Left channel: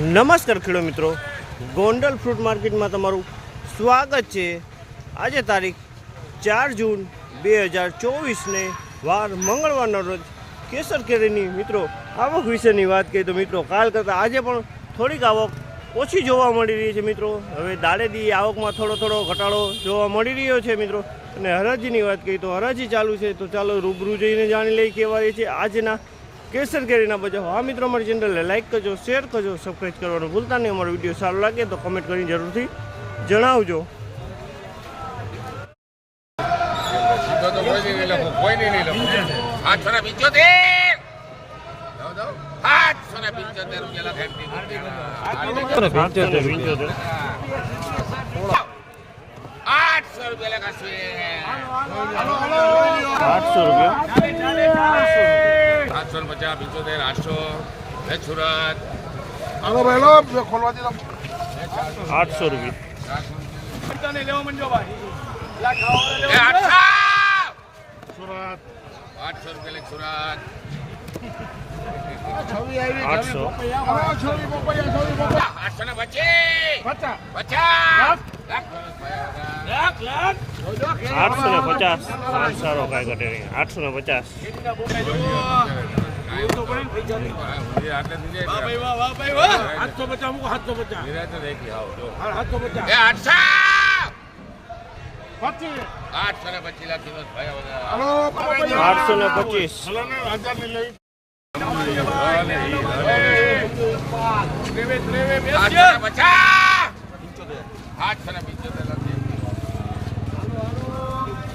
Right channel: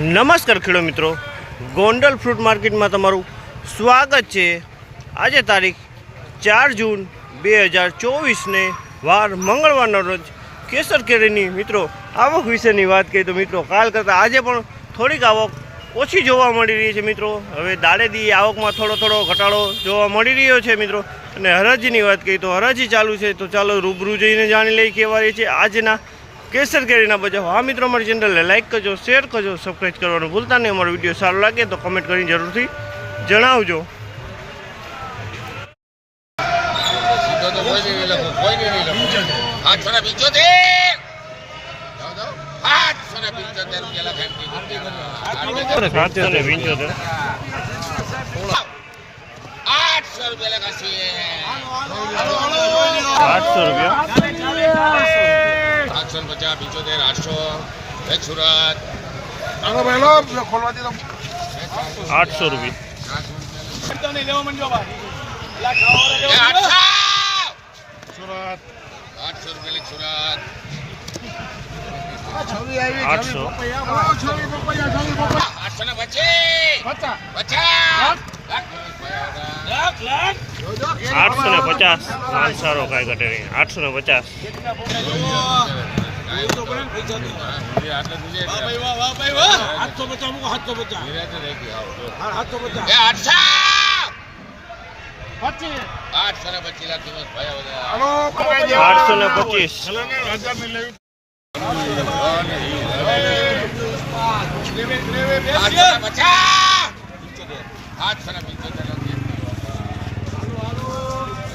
નમસ્કાર ખેડૂત મિત્રો. ગોંડલ ફ્રૂટ માર્કેટમાં તમારું સ્વાગત છે. આજે તારીખ ચાર જૂન બે હજાર ચોવીસને વાર મંગળવારના રોજ કેસર કેરીની મિત્રો આવક વિશેની વાત કરીએ તો મિત્રો કાલ કરતાં આજે પણ થોડીક આવક ઓછી જોવા મળી રહી છે મિત્રો. હવે દાડેદી આવકમાં થોડો થોડો ઘટાડો જોવા મળી રહ્યો છે મિત્રો. અને હરાજીની વાત કરીએ તો હરાજી ચાલુ છે તો ચાલો રૂબરૂ જઈને જાણી લઈ કેવા રહી છે. આજના કેસર કેરીના બજાર હા મિત્રો અમારી ચેનલને લાઇક કરજો શેર કરજો સબસ્ક્રાઈબ કરવાનું ભૂલતા નહીં. અમારો વીડિયો સારો લાગે તો કમેન્ટ કરીને જરૂરથી જણાવજો. આઠસો રૂપિયા? ને પંચોતેર આઠસો એક સુરત. આઠસો રૂપિયા. આઠસો! રૂપિયા લખ સુરત. આઠસો. આઠસો ને પચીસ! પચાસ. આઠસો ને પચાસ. માલ સારો કાંઈ ઘટે નહીં. આઠસો ને પચાસ આઠસો ને પચીસ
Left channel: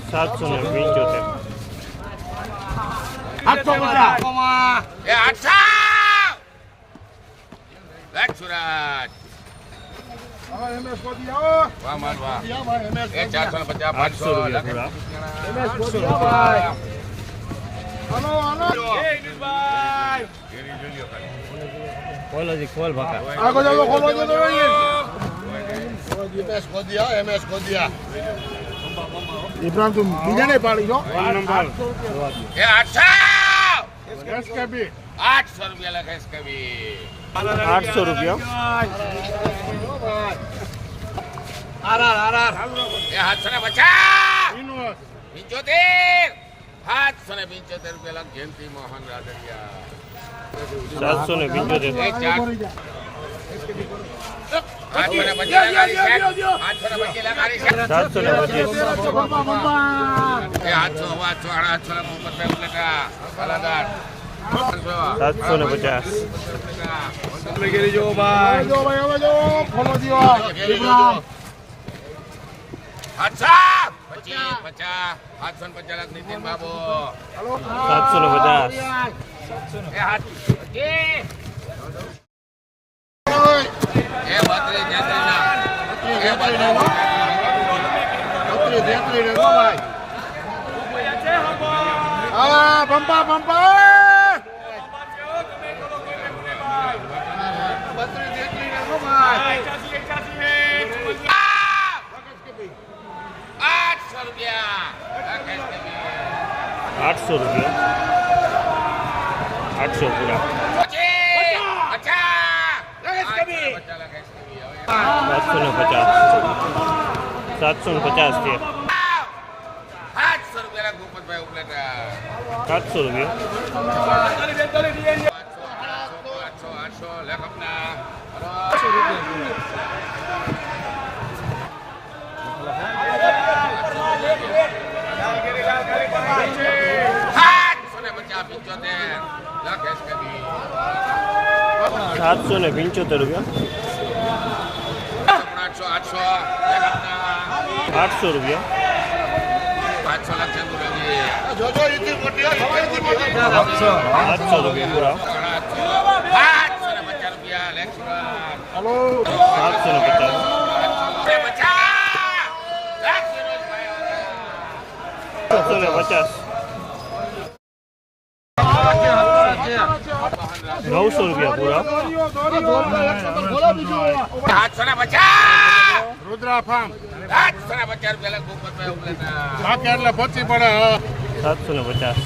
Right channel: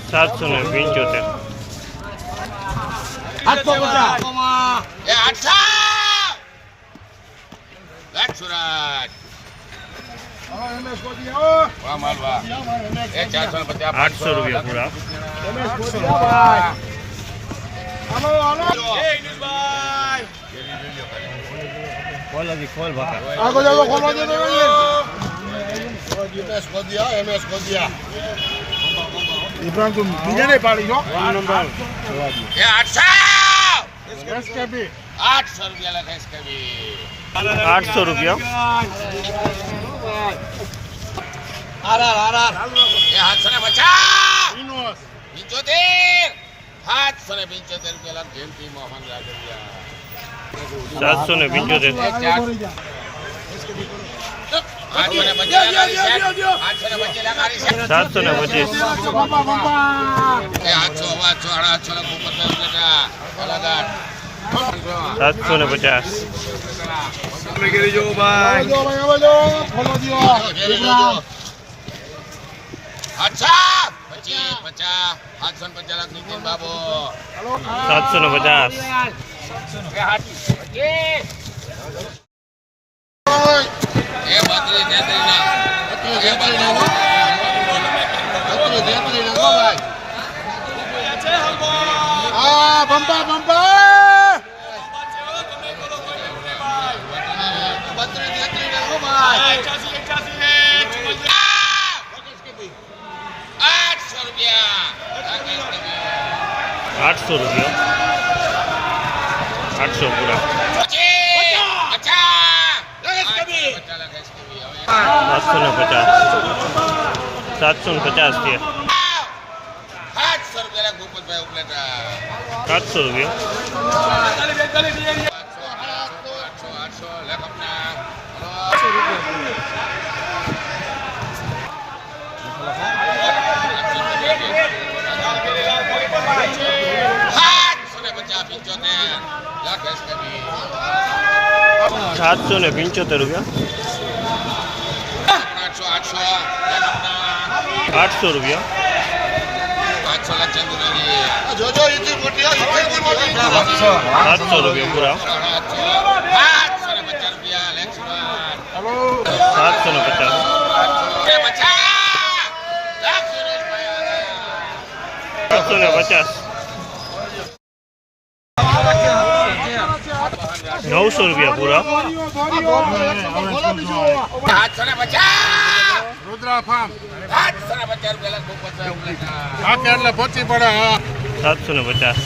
સાતસો ને ભાઈ આઠસો બધા. પચીસ આઠસો ને પચાસ આઠસો ને પંચોતેર લાખ સાતસો ને? એ એ આઠસો આઠસો આઠસો રૂપિયા લખે છે કભી આઠસો રૂપિયા એ આઠસો ને પચાસ પંચોતેર. આઠસો ને પંચોતેર રૂપિયા લાખ જયંતિ મોહન રાગવિયા સાતસો ને પંચોતેર. ચાર ને પચીસ. સાતસો ને પચાસ. સાતસો ને પચાસ. આઠસો પચીસ પચાસ આઠસો ને પચાસ લાખ નીતિન બાબુ સાતસો ને પચાસ એ બત્રીસ તેત્રીસ ના એ બત્રીસ આઠસો રૂપિયા. આઠસો રૂપિયા. આઠસો પૂરા. સાતસો ને પચાસ સાતસો ને પચાસ છે આઠસો રૂપિયા ભૂપતભાઈ ઉપલેટા સાતસો રૂપિયા આઠસો આઠસો આઠસો લેખકના આઠસો ને પચાસ પંચોતેર લાખ એસ કભી સાતસો ને પંચોતેર રૂપિયા આઠસો આઠસો લેખકના આઠસો રૂપિયા આઠસો લાખ ચંદુરંગી સાતસો રૂપિયા પૂરા આઠસો આઠસો ને પચાસ રૂપિયા લેખ સુરત સાતસો ને પચાસ એ પચાસ રુદ્રા ફાર્મ સાતસો ને પચાસ.